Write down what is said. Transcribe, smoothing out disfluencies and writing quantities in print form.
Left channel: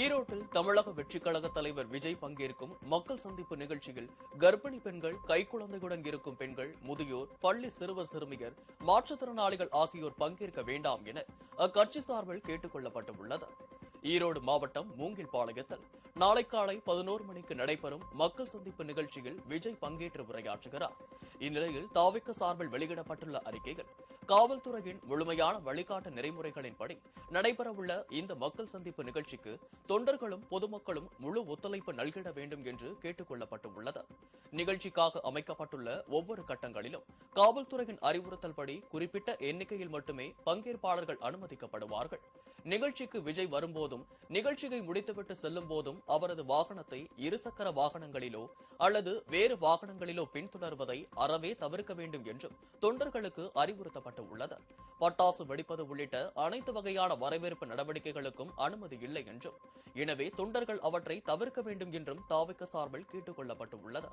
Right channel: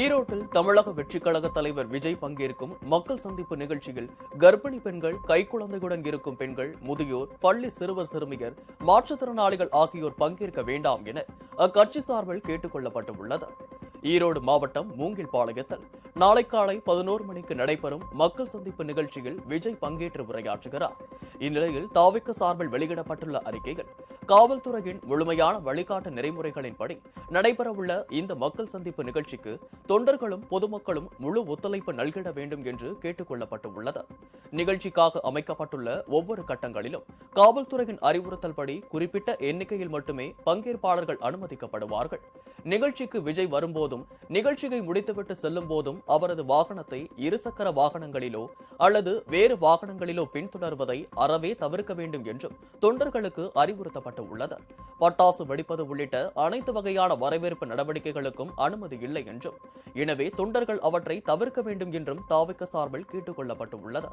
ஈரோட்டில் தமிழக வெற்றிக் கழக தலைவர் விஜய் பங்கேற்கும் மக்கள் சந்திப்பு நிகழ்ச்சியில் கர்ப்பிணி பெண்கள், கைக்குழந்தையுடன் இருக்கும் பெண்கள், முதியோர், பள்ளி சிறுவர் சிறுமியர், மாற்றுத்திறனாளிகள் ஆகியோர் பங்கேற்க வேண்டாம் என அக்கட்சி சார்பில் கேட்டுக் கொள்ளப்பட்டுள்ளது. ஈரோடு மாவட்டம் மூங்கில்பாளையத்தில் நாளை காலை 11 மணிக்கு நடைபெறும் மக்கள் சந்திப்பு நிகழ்ச்சியில் விஜய் பங்கேற்று உரையாற்றுகிறார். இந்நிலையில் தாவிக சார்பில் வெளியிடப்பட்டுள்ள அறிக்கையில், காவல்துறையின் முழுமையான வழிகாட்டு நெறிமுறைகளின்படி நடைபெறவுள்ள இந்த மக்கள் சந்திப்பு நிகழ்ச்சிக்கு தொண்டர்களும் பொதுமக்களும் முழு ஒத்துழைப்பு நல்கிட வேண்டும் என்று கேட்டுக் கொள்ளப்பட்டுள்ளது. நிகழ்ச்சிக்காக அமைக்கப்பட்டுள்ள ஒவ்வொரு கட்டங்களிலும் காவல்துறையின் அறிவுறுத்தல்படி குறிப்பிட்ட எண்ணிக்கையில் மட்டுமே பங்கேற்பாளர்கள் அனுமதிக்கப்படுவார்கள். நிகழ்ச்சிக்கு விஜய் வரும்போதும் நிகழ்ச்சியை முடித்துவிட்டு செல்லும் போதும் அவரது வாகனத்தை இருசக்கர வாகனங்களிலோ அல்லது வேறு வாகனங்களிலோ பின்தொடர்வதை அறவே தவிர்க்க வேண்டும் என்றும் தொண்டர்களுக்கு அறிவுறுத்தப்பட்டுள்ளது. பட்டாசு வெடிப்பது உள்ளிட்ட அனைத்து வகையான வரவேற்பு நடவடிக்கைகளுக்கும் அனுமதி இல்லை என்றும், எனவே தொண்டர்கள் அவற்றை தவிர்க்க வேண்டும் என்றும் தாவிக சார்பில் கேட்டுக் கொள்ளப்பட்டுள்ளது.